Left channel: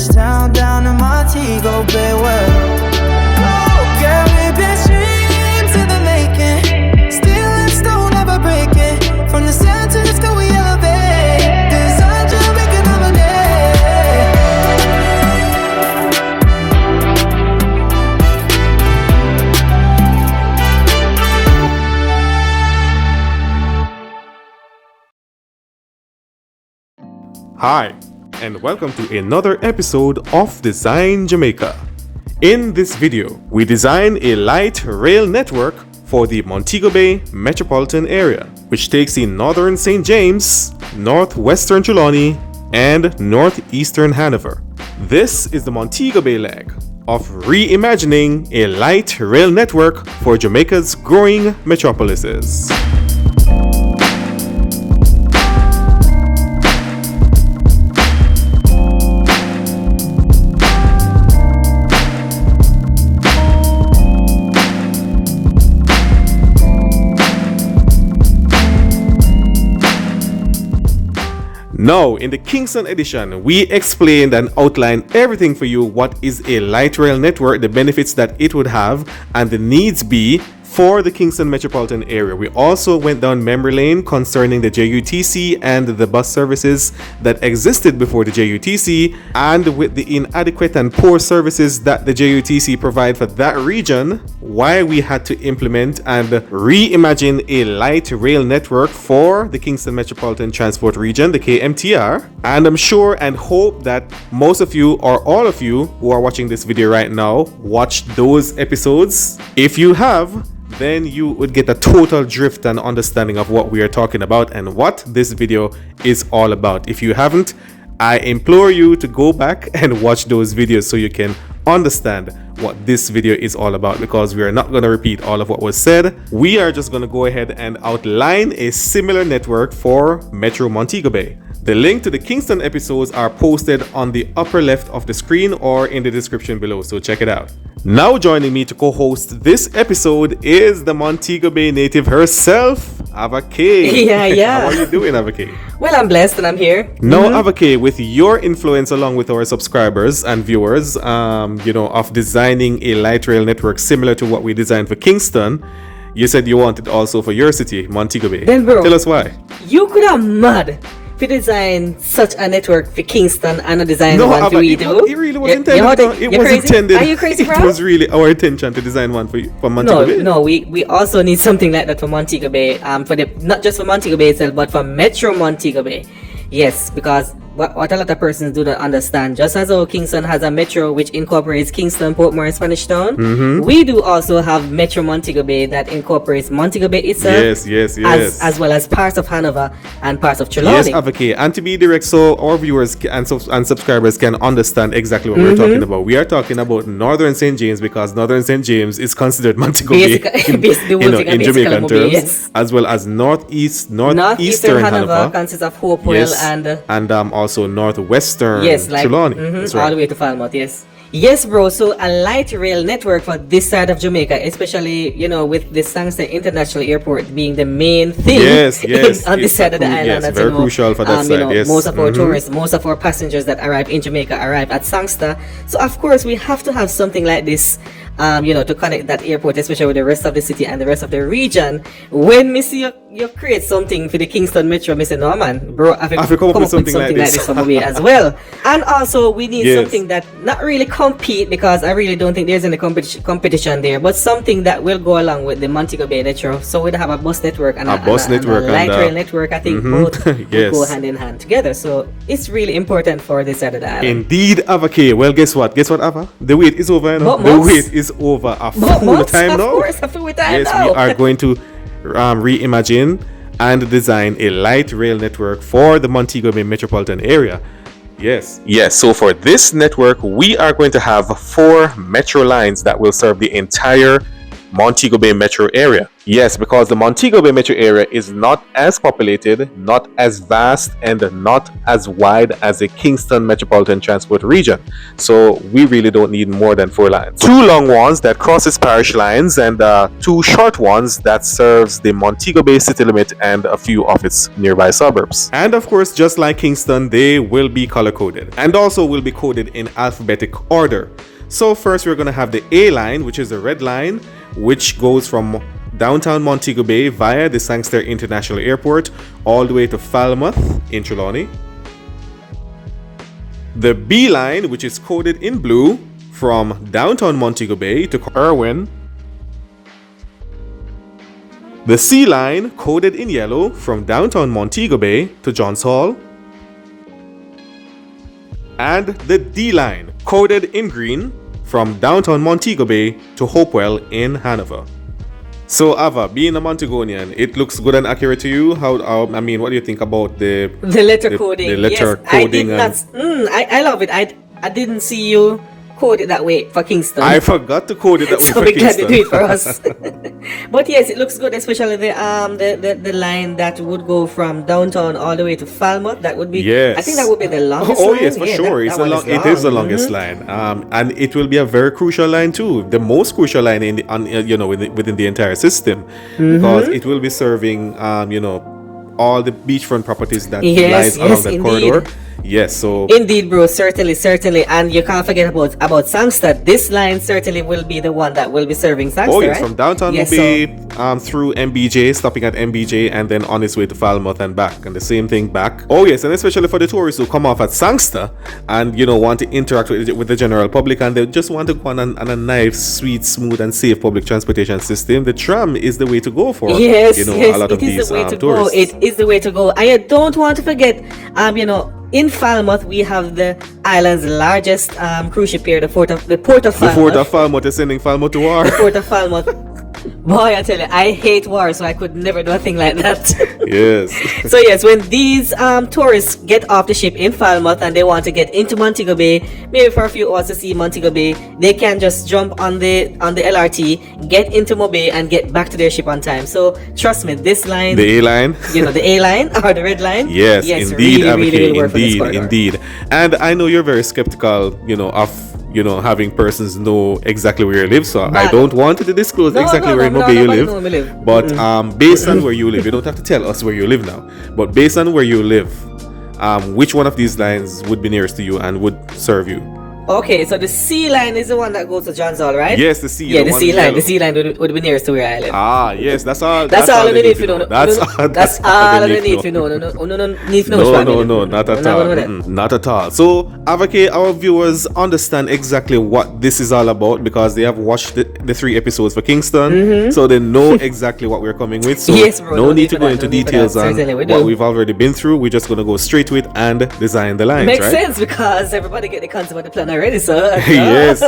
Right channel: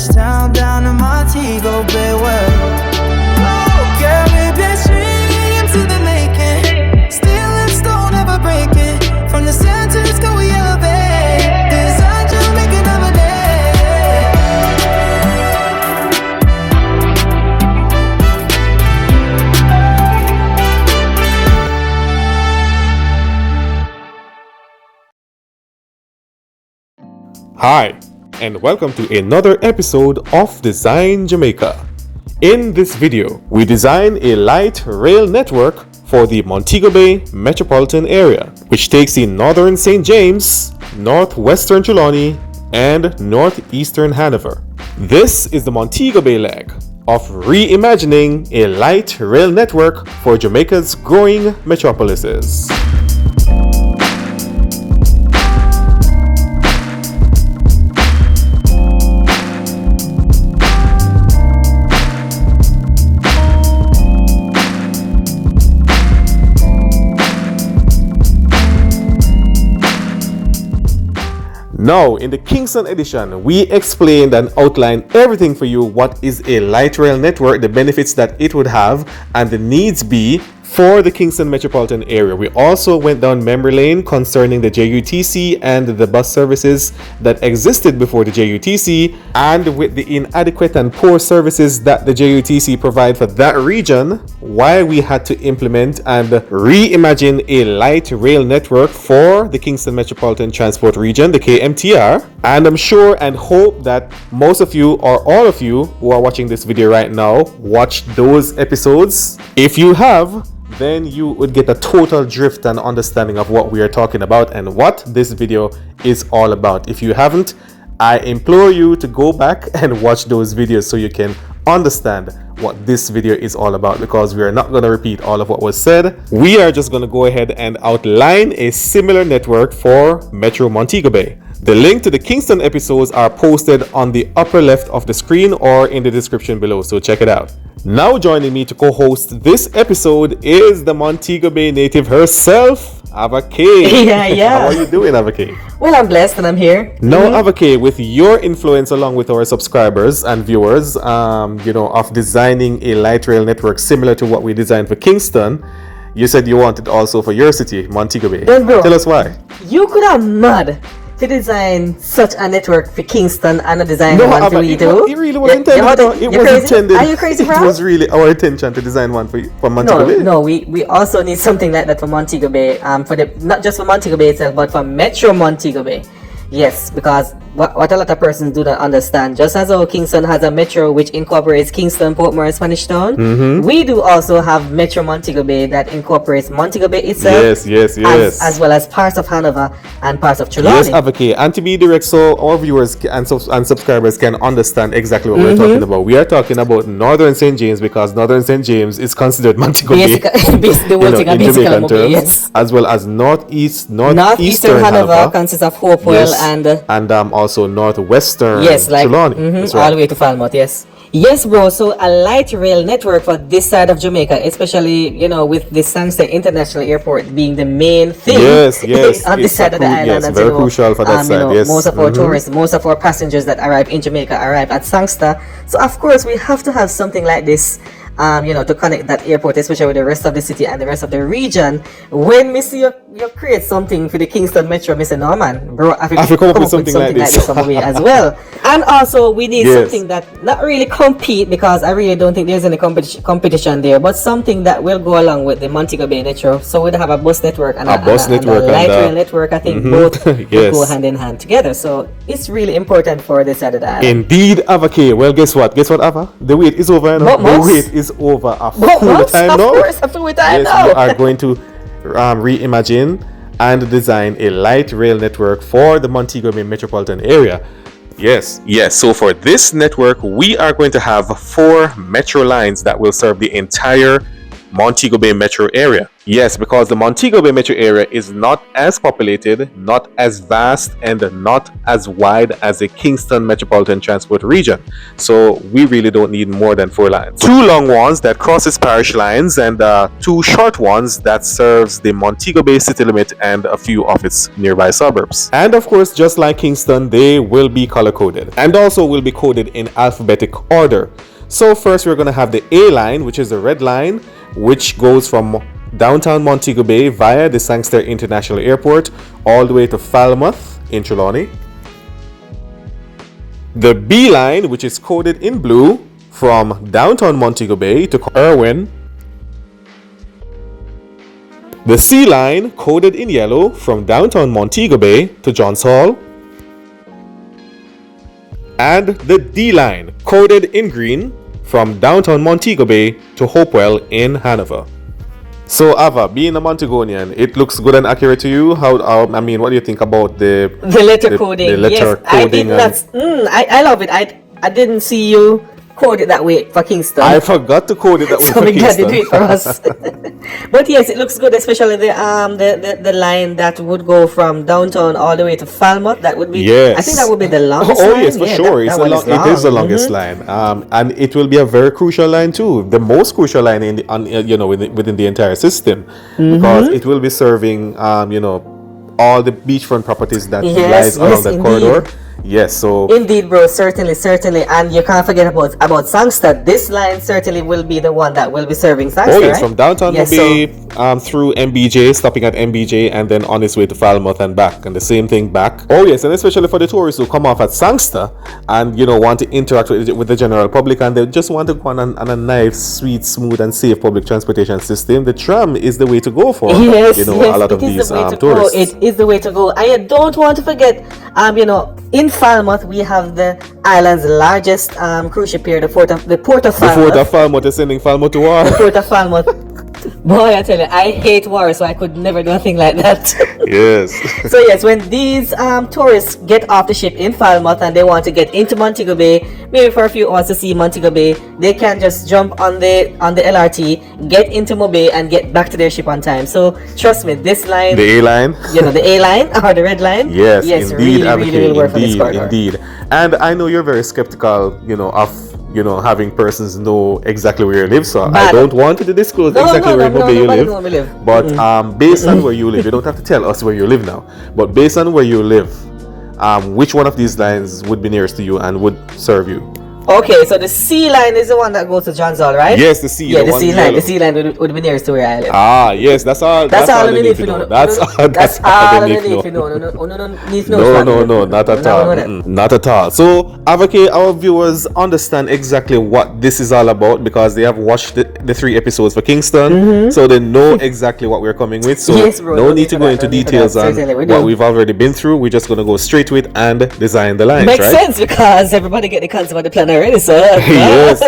touchdown down in Montego Bay. Well, oh, Caribbean dreams in the making, still and stone never breaking. From the San Francisco we elevate, design Jamaica dominate. Hi, and welcome to another episode of Design Jamaica. In this video, we design a light rail network for the Montego Bay Metropolitan Area, which takes in northern St. James, northwestern Trelawny, and northeastern Hanover. This is the Montego Bay leg of reimagining a light rail network for Jamaica's growing metropolises. Now, in the Kingston edition, we explained and outlined everything for you: what is a light rail network, the benefits that it would have, and the needs be for the Kingston metropolitan area. We also went down memory lane concerning the JUTC and the bus services that existed before the JUTC, and with the inadequate and poor services that the JUTC provide for that region, why we had to implement and reimagine a light rail network for the Kingston Metropolitan Transport Region, the KMTR. And I'm sure and hope that most of you or all of you who are watching this video right now watched those episodes. If you have, then you would get a total drift and understanding of what we are talking about and what this video is all about. If you haven't, I implore you to go back and watch those videos so you can understand what this video is all about, because we are not going to repeat all of what was said. We are just going to go ahead and outline a similar network for Metro Montego Bay. The link to the Kingston episodes are posted on the upper left of the screen or in the description below, so check it out. Now joining me to co-host this episode is the Montego Bay native herself, Ava-Kay. Yeah. How are you doing, Ava-Kay? Well, I'm blessed that I'm here. Now, Ava-Kay, with your influence along with our subscribers and viewers, of designing a light rail network similar to what we designed for Kingston, you said you wanted also for your city, Montego Bay. Yes, bro. Tell us why. You could have mad to design such a network for Kingston and a design No, one for Ava, you it really was intended. It was crazy? intended. Are you crazy, bro? It was really our intention to design one for Montego Bay. No, we also need something like that for Montego Bay. For the not just for Montego Bay itself, but for Metro Montego Bay. Yes, because what a lot of persons do not understand, just as how Kingston has a metro which incorporates Kingston, Portmore, and Spanish Town, we do also have Metro Montego Bay that incorporates Montego Bay itself. Yes. As well as parts of Hanover and parts of Trelawny. Yes, Ava-Kay. And to be direct, so our viewers and subscribers can understand exactly what we're talking about. We are talking about Northern St. James, because Northern St. James is considered Montego Bay, in Jamaican terms, yes. as well as northeastern Hanover consists of Hopewell and also northwestern Trelawny. That's right. All the way to Falmouth. Yes, bro. So a light rail network for this side of Jamaica, especially with the Sangster International Airport being the main thing. Yes. on this side of the island. Yes, very crucial for that side. Yes. Most of our tourists, most of our passengers that arrive in Jamaica arrive at Sangster. So of course we have to have something like this. To connect that airport, especially with the rest of the city and the rest of the region. When me see you create something for the Kingston Metro, me say, no man, bro, I have to come up with something like this from way as well. And also we need something that not really compete, because I really don't think there's any competition there, but something that will go along with the Montego Bay Metro. So we'd have a bus network and a light rail network. I think both go hand in hand together. So it's really important for this side of the island. Indeed, Ava-Kay. Well, guess what, Ava? The wait is over now. The wait is over a full time now. Yes, we are going to reimagine and design a light rail network for the Montego Bay Metropolitan Area. Yes. So for this network, we are going to have 4 metro lines that will serve the entire Montego Bay metro area. Yes, because the Montego Bay metro area is not as populated, not as vast, and not as wide as the Kingston Metropolitan Transport Region. So we really don't need more than 4 lines. 2 long ones that crosses parish lines and 2 short ones that serves the Montego Bay city limit and a few of its nearby suburbs. And of course, just like Kingston, they will be color coded and also will be coded in alphabetic order. So first we're going to have the A line, which is the red line, which goes from downtown Montego Bay via the Sangster International Airport all the way to Falmouth in Trelawny. The B line, which is coded in blue, from downtown Montego Bay to Irwin. The C line, coded in yellow, from downtown Montego Bay to Johns Hall. And the D line, coded in green, from downtown Montego Bay to Hopewell in Hanover. So Ava, being a Montegonian, it looks good and accurate to you. I mean, what do you think about the letter coding? The letter coding. I love it. I didn't see you code it that way for Kingston. I forgot to code it that way so for we got to Kingston. do it for us. But yes, it looks good, especially the line that would go from downtown all the way to Falmouth. That would be. Yes. I think that would be the longest. Oh line. yes, for sure. It is the longest line, and it will be a very crucial line too. The most crucial line in within the entire system, because it will be serving all the beachfront properties that lies along that corridor. Yes, so indeed, bro, certainly, and you can't forget about Sangster. This line certainly will be the one that will be serving Sangster. Oh yes, right? from downtown Mobay through MBJ, stopping at MBJ, and then on its way to Falmouth and back, and the same thing back. Oh yes, and especially for the tourists who come off at Sangster and want to interact with the general public, and they just want to go on a nice, sweet, smooth, and safe public transportation system. The tram is the way to go for a lot of these tourists. It is the way to go, and you don't want to forget, in Falmouth, we have the island's largest cruise ship here, the Port of Falmouth. The Port of Falmouth is sending Falmouth to war. The Port of Falmouth. Boy, I tell you, I hate war, so I could never do a thing like that. Yes. So yes, when these tourists get off the ship in Falmouth and they want to get into Montego Bay, maybe for a few hours to see Montego Bay, they can just jump on the LRT, get into Mobay, and get back to their ship on time. So trust me, this line, the A line, the A line or the red line, yes, indeed, really will work indeed. And I know you're very skeptical, of having persons know exactly where you live, so I don't want to disclose exactly where you live. But based on where you live, you don't have to tell us where you live now. But based on where you live, which one of these lines would be nearest to you and would serve you? Okay, so the C line is the one that goes to Johns Hall, right? Yes, the C. Yeah, the C line. The C line would be nearest to where I live. Ah, yes, that's all. That's all they need to know. That's all they need to know. No, not at all. Not at all. So, Ava-Kay, our viewers understand exactly what this is all about because they have watched the 3 episodes for Kingston, so they know exactly what we're coming with. So, yes, bro, no need to go into details on what we've already been through. We're just going to go straight to it and design the lines, Makes right? sense because everybody get the concept of the plan already. So yes,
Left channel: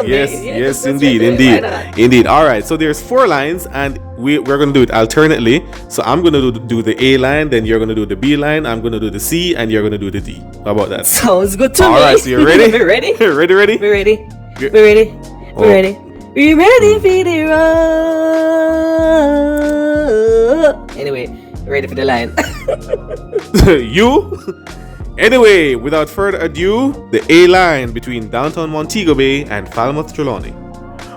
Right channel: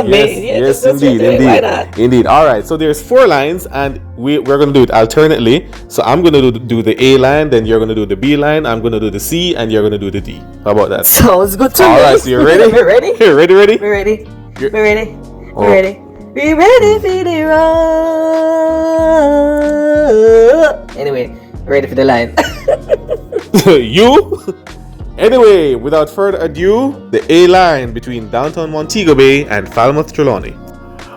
indeed. All right, so there's 4 lines, and we're going to do it alternately. So I'm going to do the A line, then you're going to do the B line, I'm going to do the C, and you're going to do the D. How about that? Sounds good to me. All right, so you're ready? We're ready. Ready? We're ready. We're ready. We're ready. We're ready for the run. Anyway, ready for the line. You? Anyway, without further ado, the A line between downtown Montego Bay and Falmouth Trelawny.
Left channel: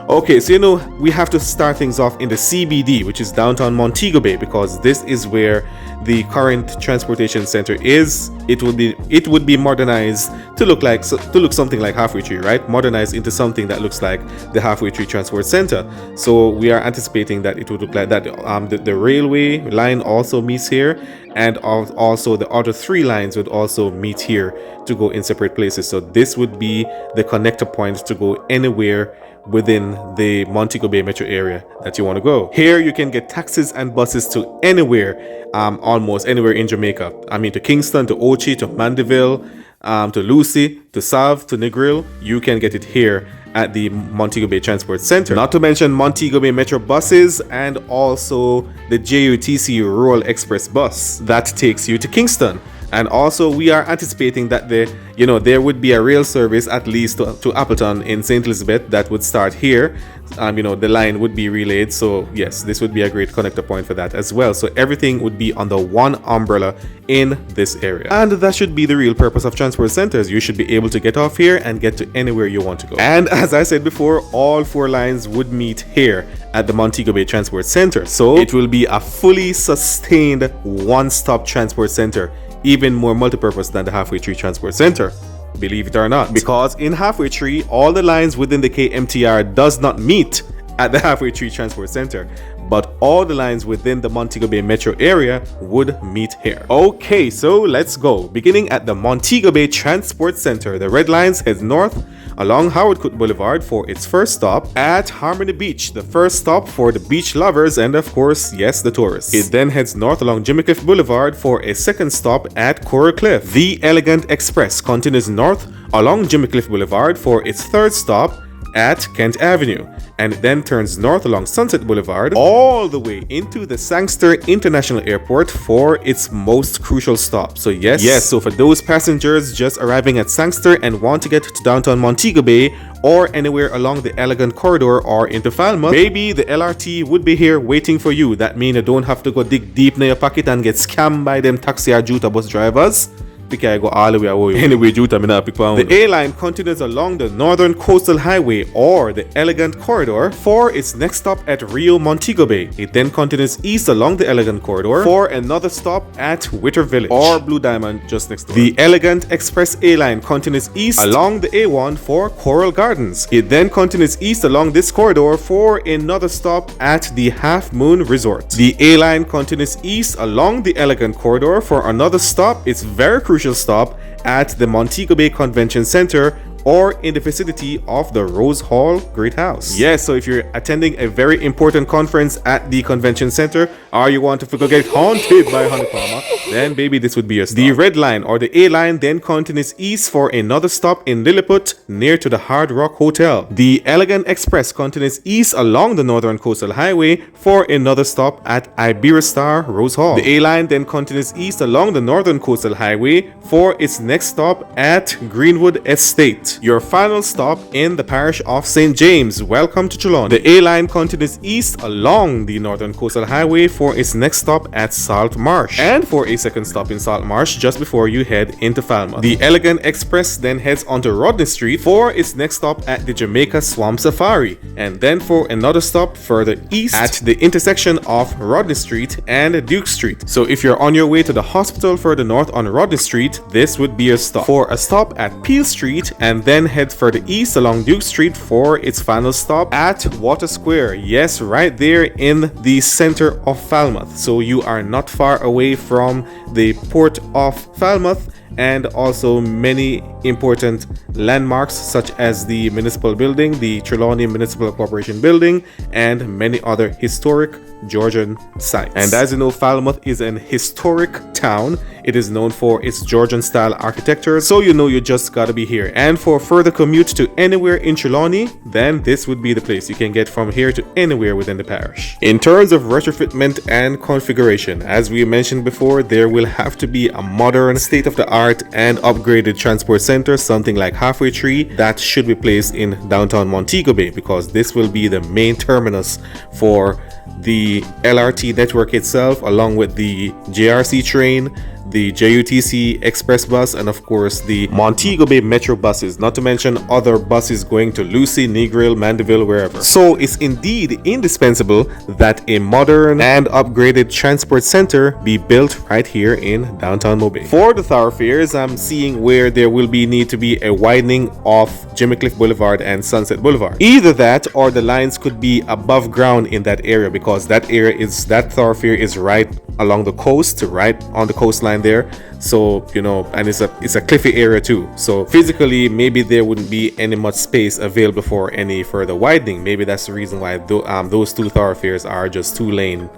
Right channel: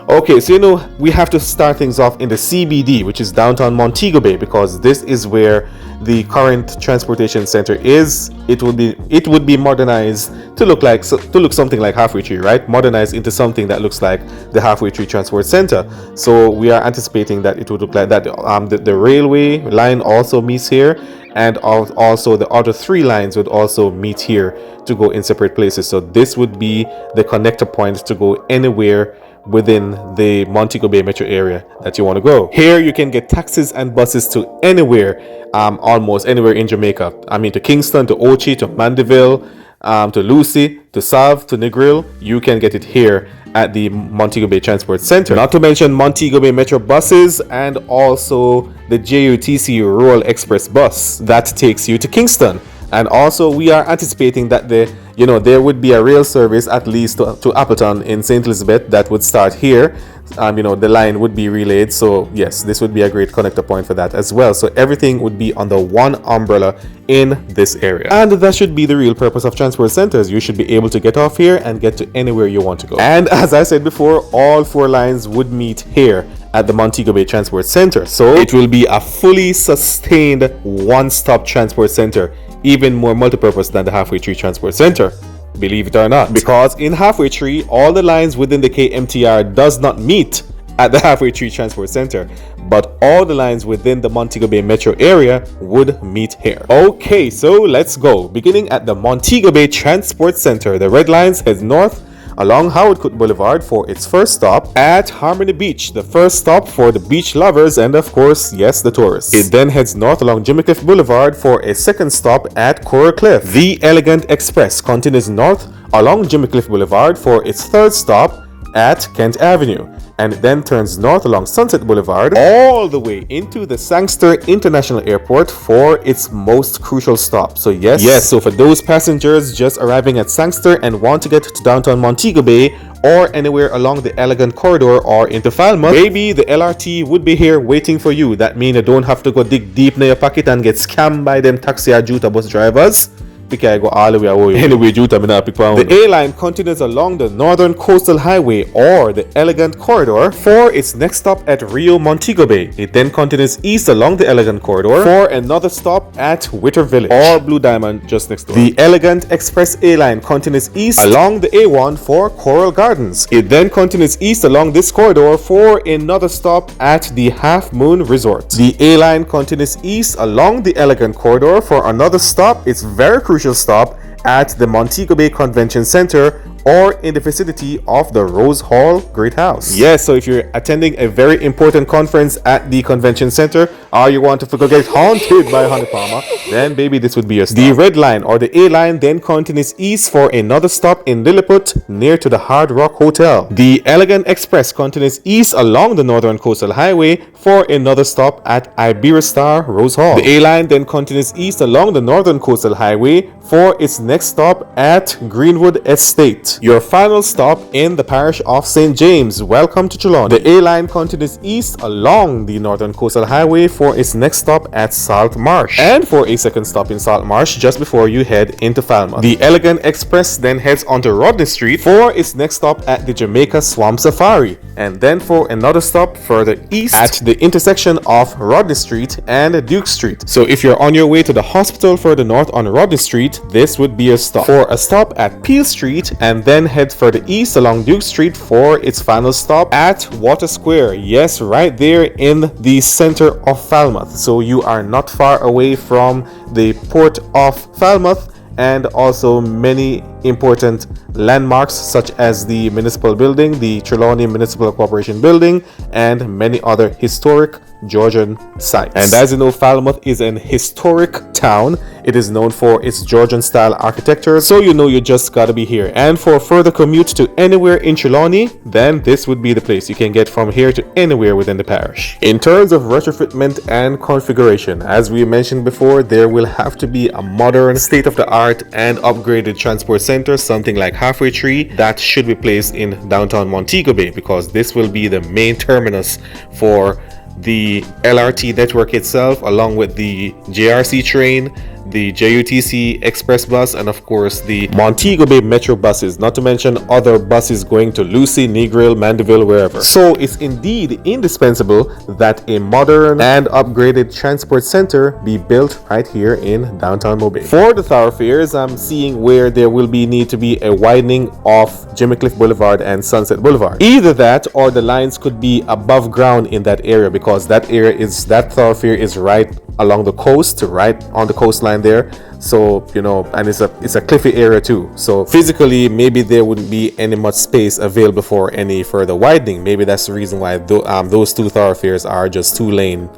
Okay, so we have to start things off in the CBD, which is downtown Montego Bay, because this is where the current transportation center is. It would be modernized to look something like Halfway Tree, right? Modernized into something that looks like the Halfway Tree Transport Center. So we are anticipating that it would look like that. The railway line also meets here, and also the other 3 lines would also meet here to go in separate places. So this would be the connector point to go anywhere within the Montego Bay metro area that you want to go. Here you can get taxis and buses to anywhere, almost anywhere in Jamaica. I mean, to Kingston, to Ochi, to Mandeville, to Lucy, to Sav, to Negril. You can get it here at the Montego Bay Transport Center. Not to mention Montego Bay Metro buses and also the JUTC Rural Express bus that takes you to Kingston. And also we are anticipating that there would be a rail service at least to Appleton in St. Elizabeth that would start here the line would be relayed. So yes, this would be a great connector point for that as well. So everything would be under one umbrella in this area. And that should be the real purpose of transport centers. You should be able to get off here and get to anywhere you want to go. And as I said before, all 4 lines would meet here at the Montego Bay Transport Center. So it will be a fully sustained one-stop transport center, even more multi-purpose than the Halfway Tree Transport Center, believe it or not. Because in Halfway Tree, all the lines within the KMTR does not meet at the Halfway Tree Transport Center, but all the lines within the Montego Bay Metro area would meet here. Okay, so let's go. Beginning at the Montego Bay Transport Center, the red lines heads north along Howard Cook Boulevard for its first stop at Harmony Beach, the first stop for the beach lovers and of course, yes, the tourists. It then heads north along Jimmy Cliff Boulevard for a second stop at Coral Cliff. The Elegant Express continues north along Jimmy Cliff Boulevard for its third stop at Kent Avenue, and then turns north along Sunset Boulevard all the way into the Sangster International Airport for its most crucial stop. So so for those passengers just arriving at Sangster and want to get to downtown Montego Bay or anywhere along the Elegant Corridor or into Falmouth, maybe the LRT would be here waiting for you. That means you don't have to go dig deep in your pocket and get scammed by them taxi or Juta bus drivers. I go all the way away. Anyway, the A line continues along the Northern Coastal Highway or the Elegant Corridor for its next stop at Rio Montego Bay. It then continues east along the Elegant Corridor for another stop at Witter Village or Blue Diamond just next door. The Elegant Express A line continues east along the A1 for Coral Gardens. It then continues east along this corridor for another stop at the Half Moon Resort. The A line continues east along the Elegant Corridor for another stop. It's very crucial stop at the Montego Bay Convention Center or in the vicinity of the Rose Hall Great House. Yes, so if you're attending a very important conference at the convention center or you want to go get haunted by Honey Palmer, then baby, this would be your stop. The red line or the A line then continues east for another stop in Lilliput near to the Hard Rock Hotel. The Elegant Express continues east along the Northern Coastal Highway for another stop at Iberostar Rose Hall. The A line then continues east along the Northern Coastal Highway for its next stop at Greenwood Estate. Your final stop in the parish of St. James. Welcome to Trelawny. The A line continues east along the Northern Coastal Highway for its next stop at Salt Marsh and for a second stop in Salt Marsh just before you head into Falmouth. The Elegant Express then heads onto Rodney Street for its next stop at the Jamaica Swamp Safari and then for another stop further east at the intersection of Rodney Street and Duke Street. So if you're on your way to the hospital further north on Rodney Street, this would be a stop. For a stop at Peel Street and then head further east along Duke Street for its final stop at Water Square. Yes, right there in the center of Falmouth. So you are not far away from the port of Falmouth and also many important landmarks such as the municipal building, the Trelawny Municipal Corporation building, and many other historic Georgian sites. And as you know, Falmouth is an historic town. It is known for its Georgian style architecture, so you know you just gotta be here. And for further commute to anywhere in Trelawny, then this would be the place. You can get from here to anywhere within the parish. In terms of retrofitment and configuration, as we mentioned before, there will have to be a modern, state-of-the-art and upgraded transport center, something like Halfway Tree, that should be placed in downtown Montego Bay, because this will be the main terminus for the LRT network itself, along with the JRC train, the JUTC express bus, and of course the Montego Bay Metro buses, not to mention other buses going to Lucy, Negril, Mandeville, wherever. So it's indeed indispensable that a modern and upgraded transport center be built right here in downtown Mobay. For the thoroughfares, I'm seeing where there will need to be a widening of Jimmy Cliff Boulevard and Sunset Boulevard. Either that or the lines could be above ground in that area, because that thoroughfare is right along the coast, right on the coastline there. So you know, and it's a cliffy area too, so physically maybe there wouldn't be any much space available for any further widening. Maybe that's the reason why those two thoroughfares are just 2-lane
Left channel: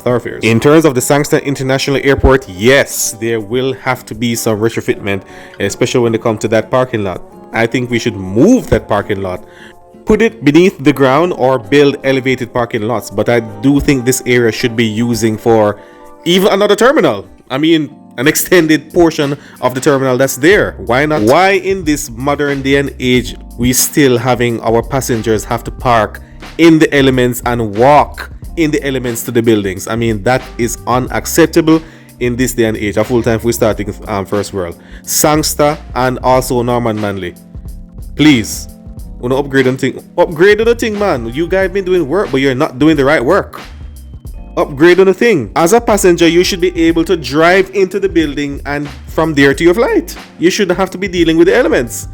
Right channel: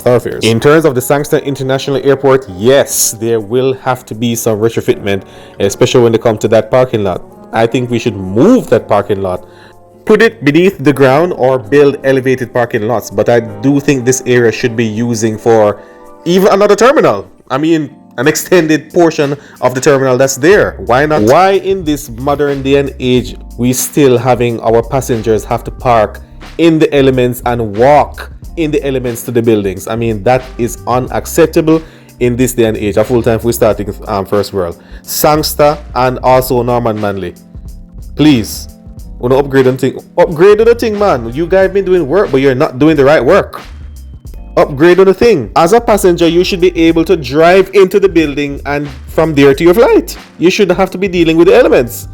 thoroughfares. In terms of the Sangster International Airport, yes, there will have to be some retrofitment, especially when it comes to that parking lot. I think we should move that parking lot, put it beneath the ground, or build elevated parking lots. But I do think this area should be using for even another terminal. I mean, an extended portion of the terminal that's there. Why not? Why in this modern day and age we still having our passengers have to park in the elements and walk in the elements to the buildings. I mean, that is unacceptable in this day and age. A full-time for starting first world. Sangster and also Norman Manley. Please, wanna upgrade on thing. Upgrade on the thing, man. You guys been doing work, but you're not doing the right work. Upgrade on the thing. As a passenger, you should be able to drive into the building and from there to your flight. You shouldn't have to be dealing with the elements.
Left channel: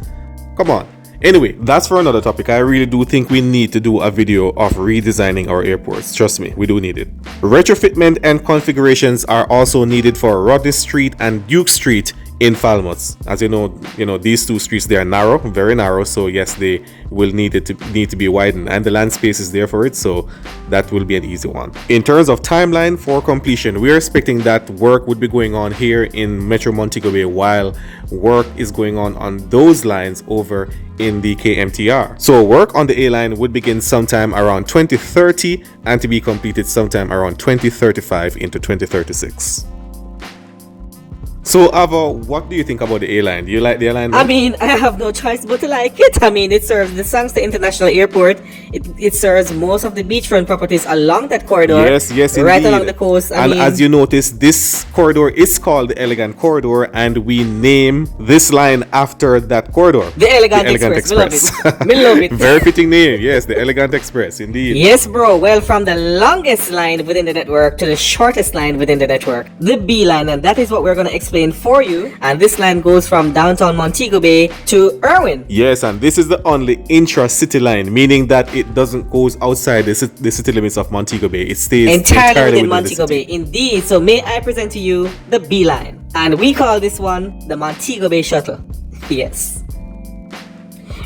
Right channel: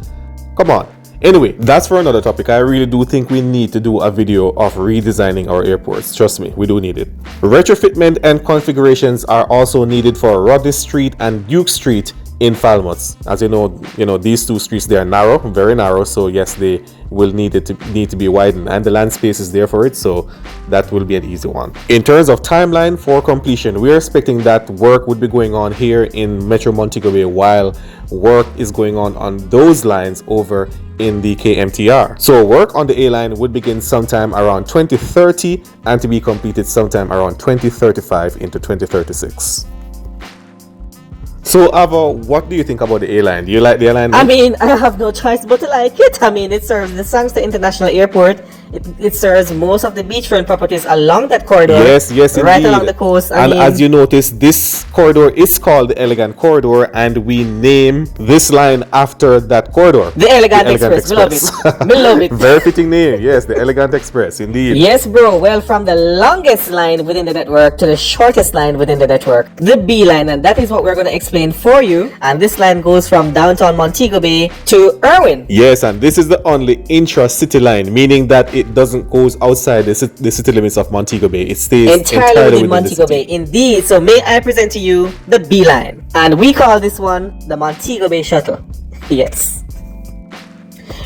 Come on. Anyway, that's for another topic. I really do think we need to do a video of redesigning our airports. Trust me, we do need it. Retrofitment and configurations are also needed for Rodney Street and Duke Street in Falmouth. As you know, these two streets, they are narrow, very narrow. So yes, they will need to be widened, and the land space is there for it. So that will be an easy one. In terms of timeline for completion, we are expecting that work would be going on here in Metro Montego Bay while work is going on those lines over in the KMTR. So work on the A line would begin sometime around 2030 and to be completed sometime around 2035 into 2036. So Ava, what do you think about the A-line? Do you like the A-line? I mean, I have no choice but to like it. I mean, it serves the Sangster International Airport. It serves most of the beachfront properties along that corridor. Yes, right indeed. Along the coast. And as you notice, this corridor is called the Elegant Corridor, and we name this line after that corridor. The Elegant Express. We love it. Very fitting name. Yes, the Elegant Express, indeed. Yes, bro. Well, from the longest line within the network to the shortest line within the network, the B line, and that is what we're going to explain for you. And this line goes from downtown Montego Bay to Irwin. Yes, and this is the only intra-city line, meaning that it doesn't go outside the city limits of Montego Bay. It stays entirely within Montego Bay. Indeed. So may I present to you the B line, and we call this one the Montego Bay Shuttle. Yes.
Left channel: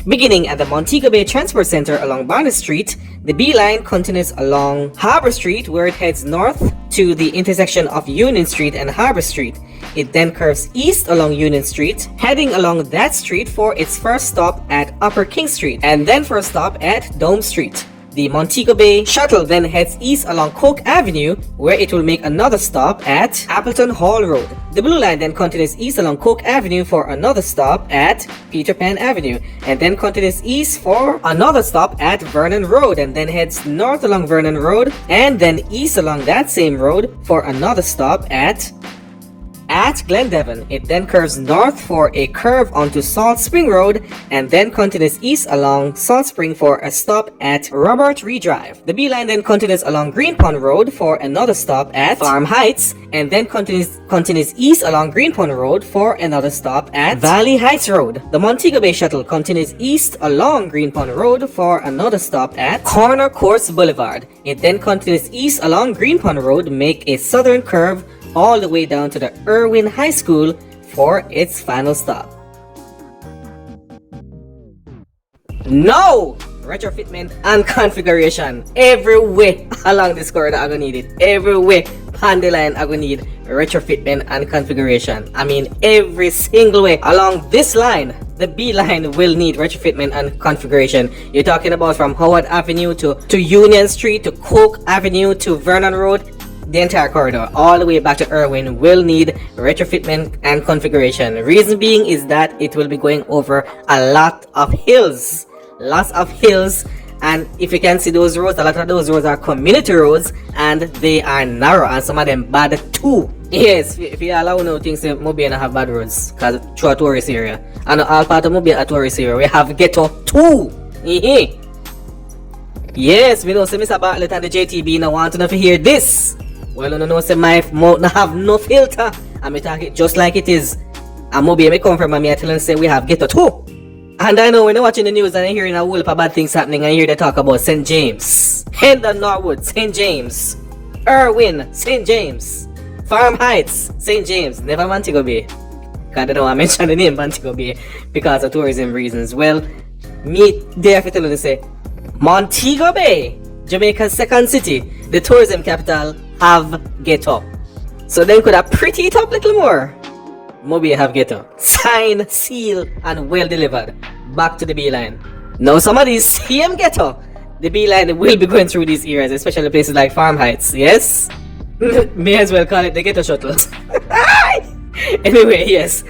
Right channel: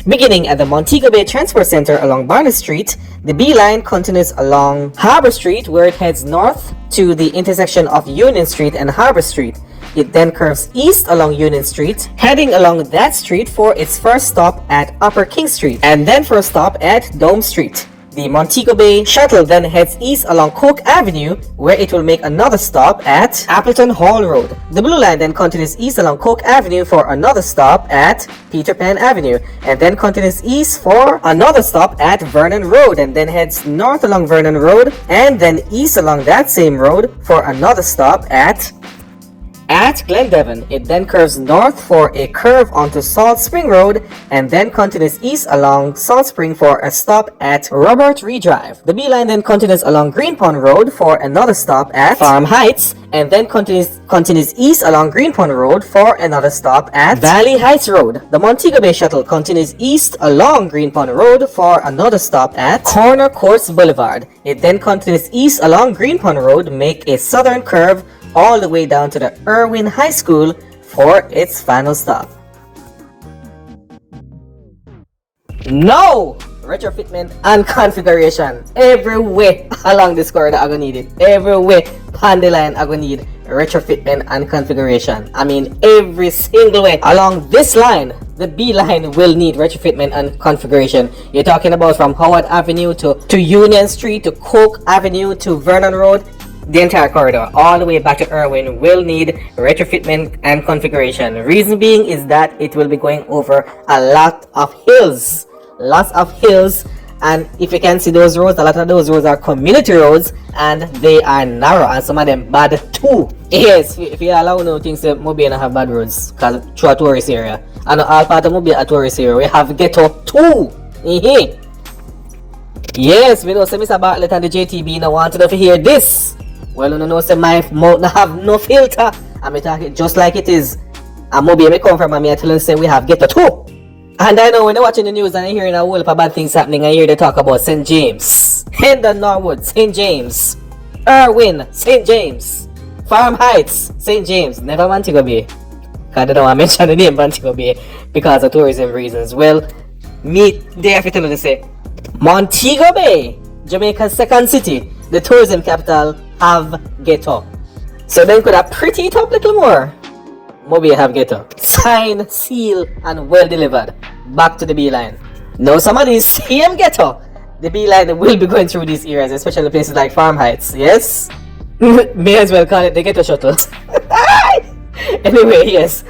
Beginning at the Montego Bay Transport Center along Barnett Street, the B line continues along Harbour Street, where it heads north to the intersection of Union Street and Harbour Street. It then curves east along Union Street, heading along that street for its first stop at Upper King Street, and then for a stop at Dome Street. The Montego Bay Shuttle then heads east along Coke Avenue, where it will make another stop at Appleton Hall Road. The Blue Line then continues east along Coke Avenue for another stop at Peter Pan Avenue, and then continues east for another stop at Vernon Road, and then heads north along Vernon Road, and then east along that same road for another stop at Glendevon. It then curves north for a curve onto Salt Spring Road, and then continues east along Salt Spring for a stop at Robert Reed Drive. The B line then continues along Green Pond Road for another stop at Farm Heights, and then continues east along Green Pond Road for another stop at Valley Heights Road. The Montego Bay Shuttle continues east along Green Pond Road for another stop at Corner Course Boulevard. It then continues east along Green Pond Road, make a southern curve all the way down to the Irwin High School for its final stop. No! Retrofitment and configuration. Every way along this corridor I gonna need it. Every way on the line I gonna need retrofitment and configuration. I mean, every single way along this line, the B line will need retrofitment and configuration. You're talking about from Howard Avenue to Union Street to Coke Avenue to Vernon Road. The entire corridor all the way back to Irwin will need retrofitment and configuration. Reason being is that it will be going over a lot of hills. Lots of hills, and if you can see those roads, a lot of those roads are community roads and they are narrow, and some of them bad too. Yes, if you allow no things that Mobay not have bad roads, because through a tourist area, and all part of Mobay a tourist area, we have ghetto too. Yes, we know say Mr. Bartlett and the JTB now want to hear this. Well, you know say my mouth not have no filter, and me talk it just like it is. And Mobay me come from and me I tell you say we have ghetto too. And I know when you're watching the news and you're hearing a whole heap of bad things happening, and you hear they talk about St. James, Hendon Norwood, St. James, Irwin, St. James, Farm Heights, St. James, never Montego Bay. Because I don't want to mention the name Montego Bay because of tourism reasons. Well, me there if you tell you to say, Montego Bay, Jamaica's second city, the tourism capital, have ghetto. So then could have pretty it up a little more. Mobay have ghetto. Sign, seal, and well delivered. Back to the B line. Now some of these same ghetto, the B line will be going through these areas, especially places like Farm Heights. Yes? May as well call it the ghetto shuttle. Anyway, yes.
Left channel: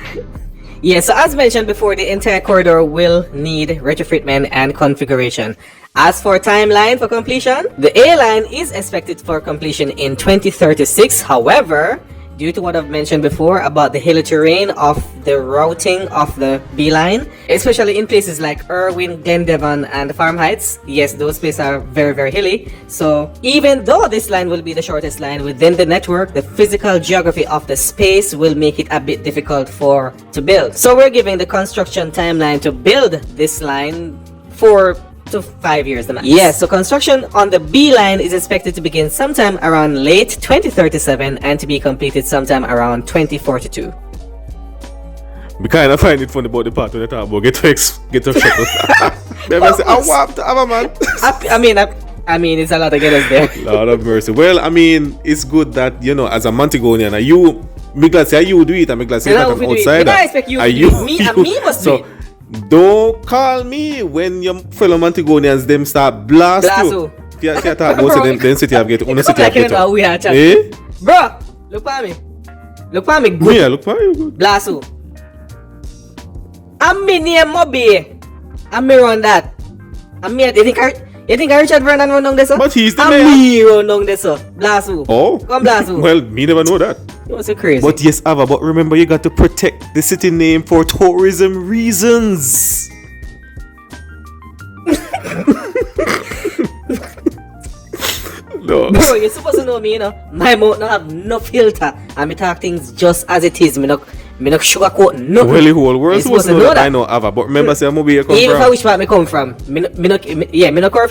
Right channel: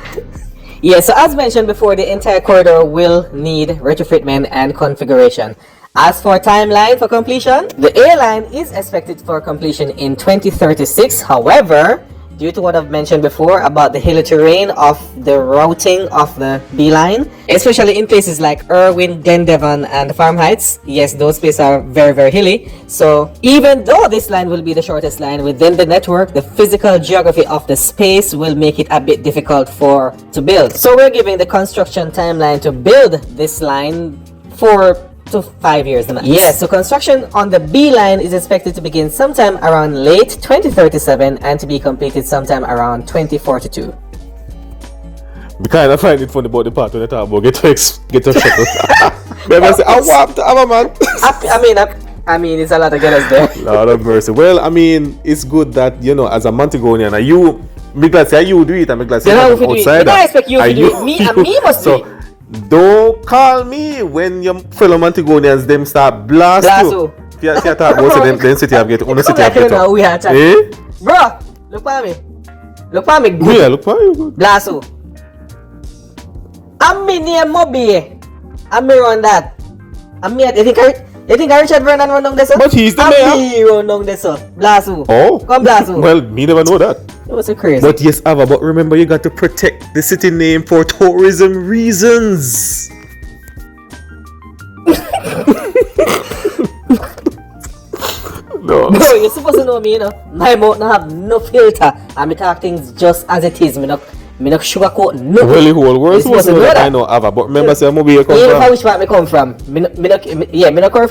Yes, so as mentioned before, the entire corridor will need retrofitment and configuration. As for timeline for completion, the A line is expected for completion in 2036. However, due to what I've mentioned before about the hilly terrain of the routing of the B line, especially in places like Irwin, Devon, and Farm Heights, yes, those places are very, very hilly. So even though this line will be the shortest line within the network, the physical geography of the space will make it a bit difficult to build. So we're giving the construction timeline to build this line 4 to 5 years the max. Yes, so construction on the B line is expected to begin sometime around late 2037 and to be completed sometime around 2042. We kind of find it funny about the part when they talk about get to chuckle. Remember, I say, I want to have a man. I mean, it's a lot of us there. Lord of mercy. Well, I mean, it's good that, you know, as a Montegonian, me glad say you do it, and me glad say you're an outsider. I expect you to do it. Me must do it. Don't call me when your fellow Montegonians them start blast you. If you talk about them city have get on the city have get up. Bro, look at me. Look at me. Yeah, look at you. Blast you. I'm me near Mobay. I'm me run that. I'm me. You think Richard Vernon run down this? But he's the mayor. I'm me run down this. Blast you. Oh. Come blast you. Well, me never know that. It was so crazy. But yes, Ava, but remember you got to protect the city name for tourism reasons. No. Bro, you're supposed to know me, you know. My mouth not have no filter. And me talk things just as it is. Me not sugarcoat nothing. Well, the whole world supposed to know that I know Ava. But remember, say Mobay you come even from. from which part me come from. Me no curry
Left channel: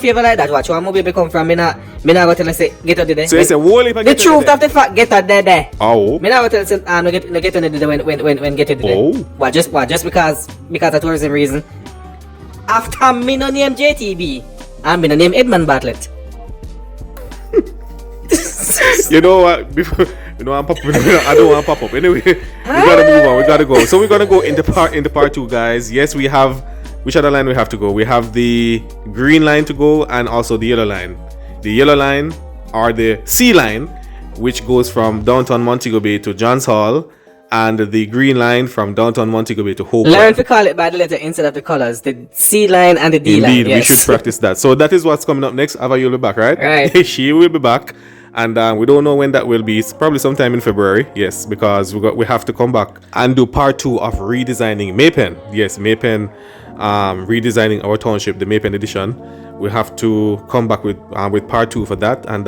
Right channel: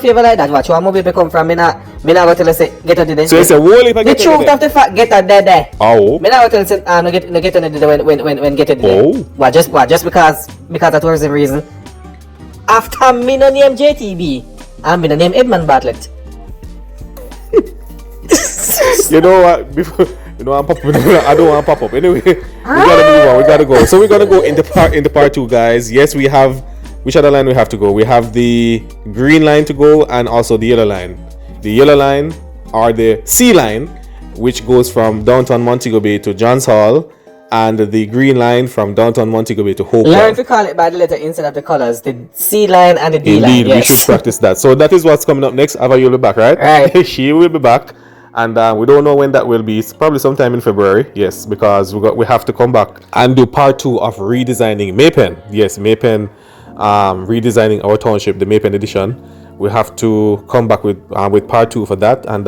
favor like that. Watch where Mobay me come from. Me not go tell you say get out there. So you say, well, if I the get truth of the fact, get out there. Oh. Me not go tell you say, no get out there when get out there. Oh. What just because of tourism reason. After me no name JTB, and me no name Edmund Bartlett. You know what? Before, you know I'm pop. I don't want to pop up. Anyway, we gotta move on. We gotta go. So we're gonna go in the part 2, guys. Yes, we have. Which other line we have to go? We have the green line to go, and also the yellow line. The yellow line or the C line, which goes from downtown Montego Bay to Johns Hall, and the green line from downtown Montego Bay to Hopewell. Learn to call it by the letter instead of the colors. The C line and the D line. Indeed, yes. we should practice that. So that is what's coming up next. Ava, you'll be back, right? Right. She will be back. And we don't know when that will be. It's probably sometime in February. Yes, because we have to come back and do part 2 of redesigning Maypen. Yes, Maypen, redesigning our township, the Maypen edition. We have to come back with part 2 for that, and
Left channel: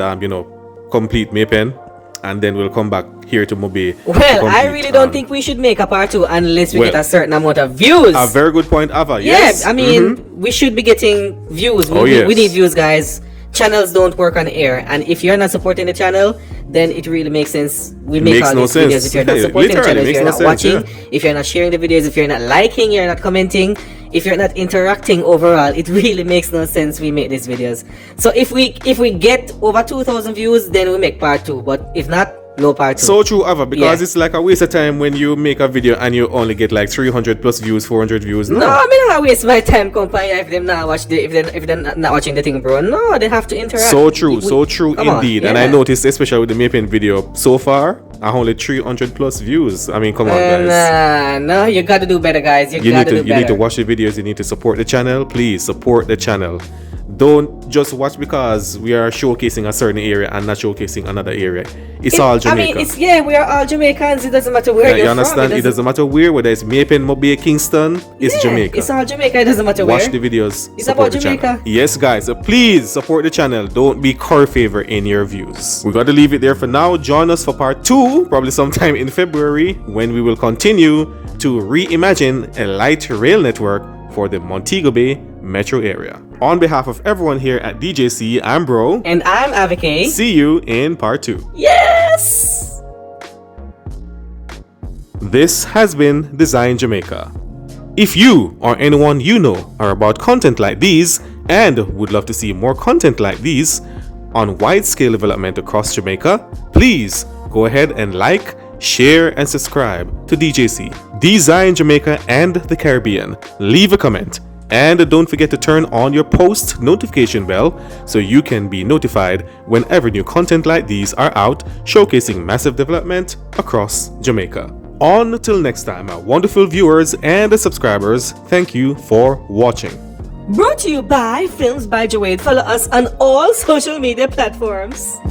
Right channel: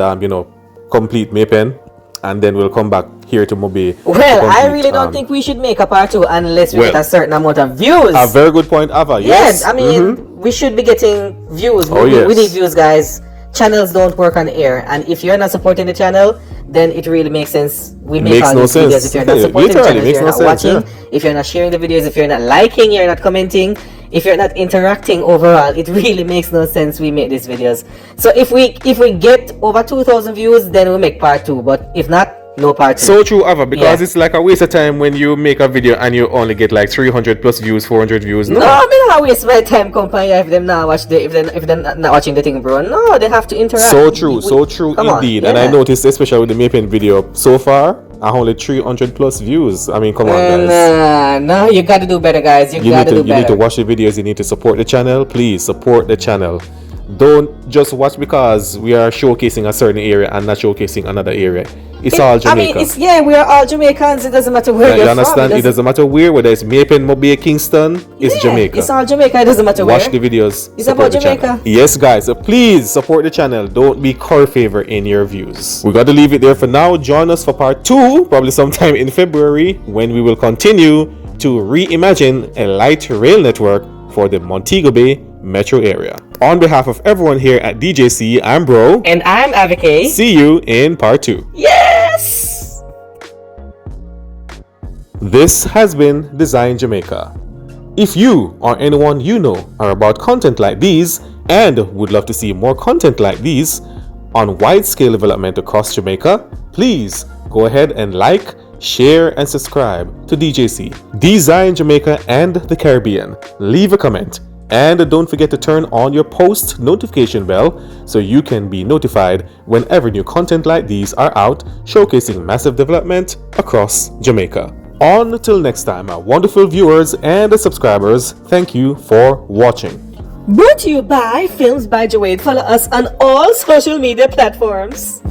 complete Maypen, and then we'll come back here to Mobay. Well, I really don't think we should make a part 2 unless we get a certain amount of views. A very good point, Ava. Yes, I mean we should be getting views. Yes. We need views, guys. Channels don't work on air, and if you're not supporting the channel, then it really makes sense. We make makes all no these sense. videos if you're not supporting the channel, if makes you're no not sense, watching, if you're not sharing the videos, if you're not liking, you're not commenting, if you're not interacting overall, it really makes no sense we make these videos. So if we get over 2,000 views, then we make part 2, but if not, no part 2. So true, Ava, because it's like a waste of time when you make a video and you only get like 300 plus views, 400 views. No, I mean, I waste my time company if them not watch if they're not watching the thing, bro. No, they have to interact. So true indeed. And I noticed, especially with the Maypen video, so far I only 300 plus views. I mean, come on, guys. No, you gotta do better, guys. You need to watch the videos. You need to support the channel. Please support the channel. Don't just watch because we are showcasing a certain area and not showcasing another area. It's all Jamaica. I mean, we are all Jamaicans. It doesn't matter where you're you understand? from. It doesn't matter where, whether it's Maypen, Mobay, Kingston, it's Jamaica. It's all Jamaica. It doesn't matter where. Watch the videos. It's support about the Jamaica. Channel. Yes, guys. So please support the channel. Don't be core favor in your views. We got to leave it there for now. Join us for part 2, probably sometime in February, when we will continue to reimagine a light rail network for the Montego Bay metro area. On behalf of everyone here at DJC, I'm Bro. And I'm Ava-Kay. See you in part 2. Yes! This has been Design Jamaica. If you or anyone you know are about content like these and would love to see more content like these on wide-scale development across Jamaica, please go ahead and like, share, and subscribe to DJC, Design Jamaica and the Caribbean. Leave a comment. And don't forget to turn on your post notification bell so you can be notified whenever new content like these are out, showcasing massive development across Jamaica. Until next time, our wonderful viewers and subscribers, thank you for watching. Brought to you by Films by Joanne. Follow us on all social media platforms.